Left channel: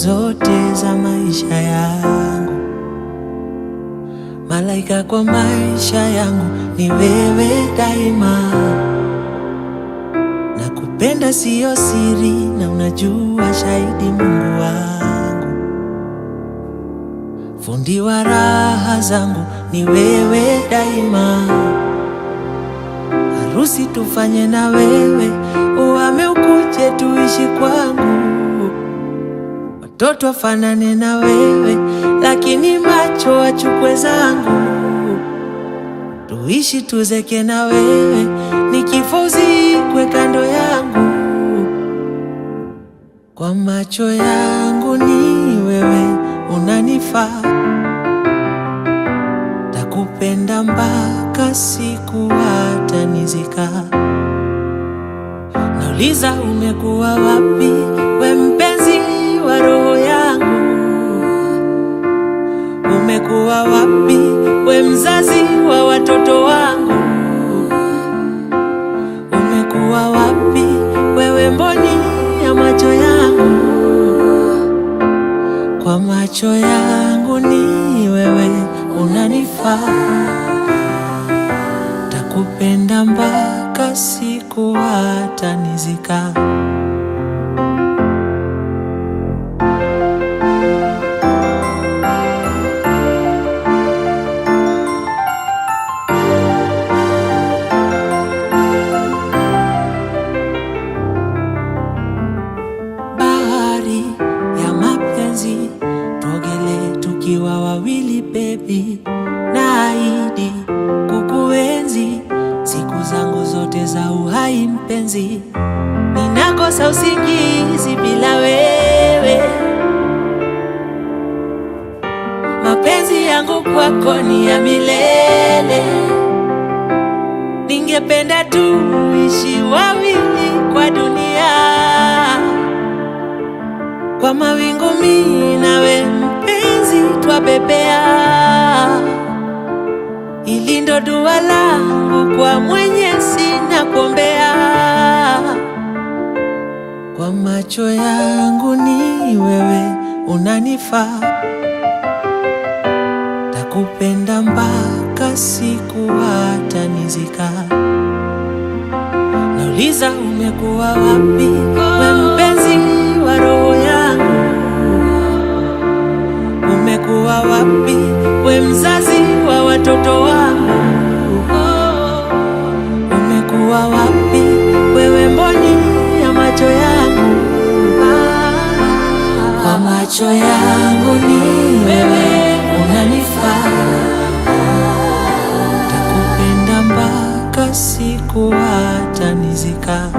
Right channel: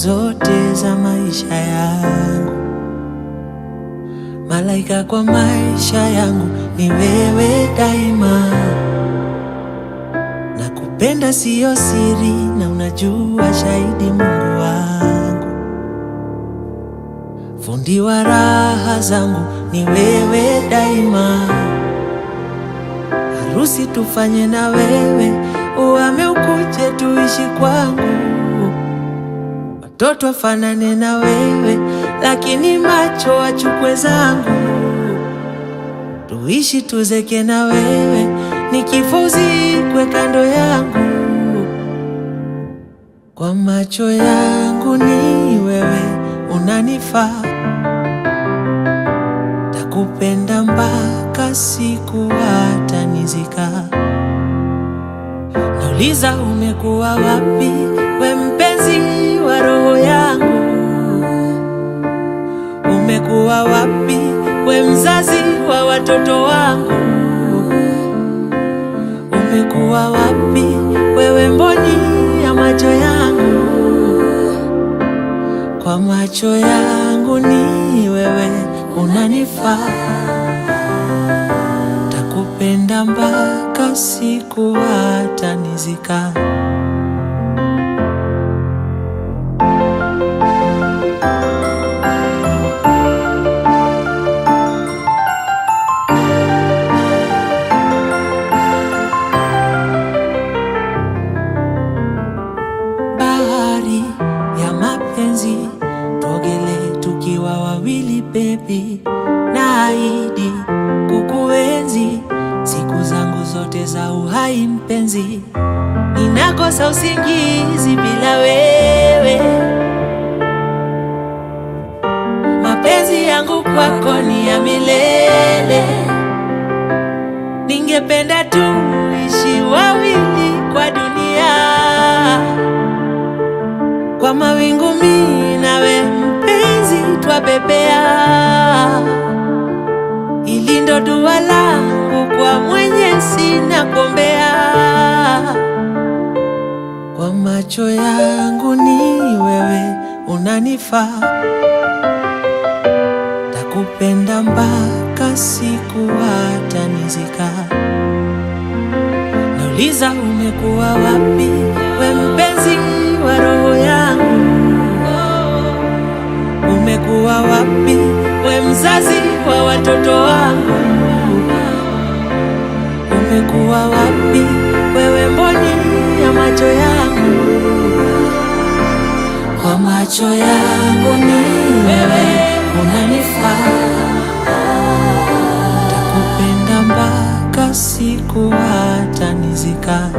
zote za maisha yangu. Malaika kwa maisha yangu ni wewe daima. Nakupenda siyo siri, na unajua shahidi Mungu wangu. Fundi wa raha zangu ni wewe daima. Harusi tufanye na wewe, uhame ukuje tuishi kwangu. Watoto wafanane na wewe, lakini macho wachukue zangu. Tuishi tuzeke na wewe, nikifa uzikwe kando yangu. Kwa macho yangu ni wewe unanifaa. Takupenda mpaka siku hata nizika. Nauliza umekuwa wapi, we mpenzi wa roho yangu? Umekuwa wapi, we mzazi wa watoto wangu? Umekuwa wapi, wewe mboni ya macho yangu? Kwa macho yangu ni wewe unanifaa. Takupenda mpaka siku hata nizika. Bahari ya mapenzi, tuogele tukiwa wawili baby. Naahidi kukuenzi siku zangu zote za uhai mpenzi. Ninakosa usingizi bila wewe. Mapenzi yangu kwako ni ya milele. Ningependa tuishi wawili kwa dunia. Kwa mawingu mimi nawe mpenzi twabebea. Hili ndo dua langu kwa Mwenyezi nakuombea. Kwa macho yangu ni wewe unanifaa. Takupenda mpaka siku hata nizika. Nauliza umekuwa wapi, we mpenzi wa roho yangu? Umekuwa wapi, we mzazi wa watoto wangu? Umekuwa wapi, wewe mboni ya macho yangu? Kwa macho yangu ni wewe unanifaa. Takupenda mpaka siku hata nizika.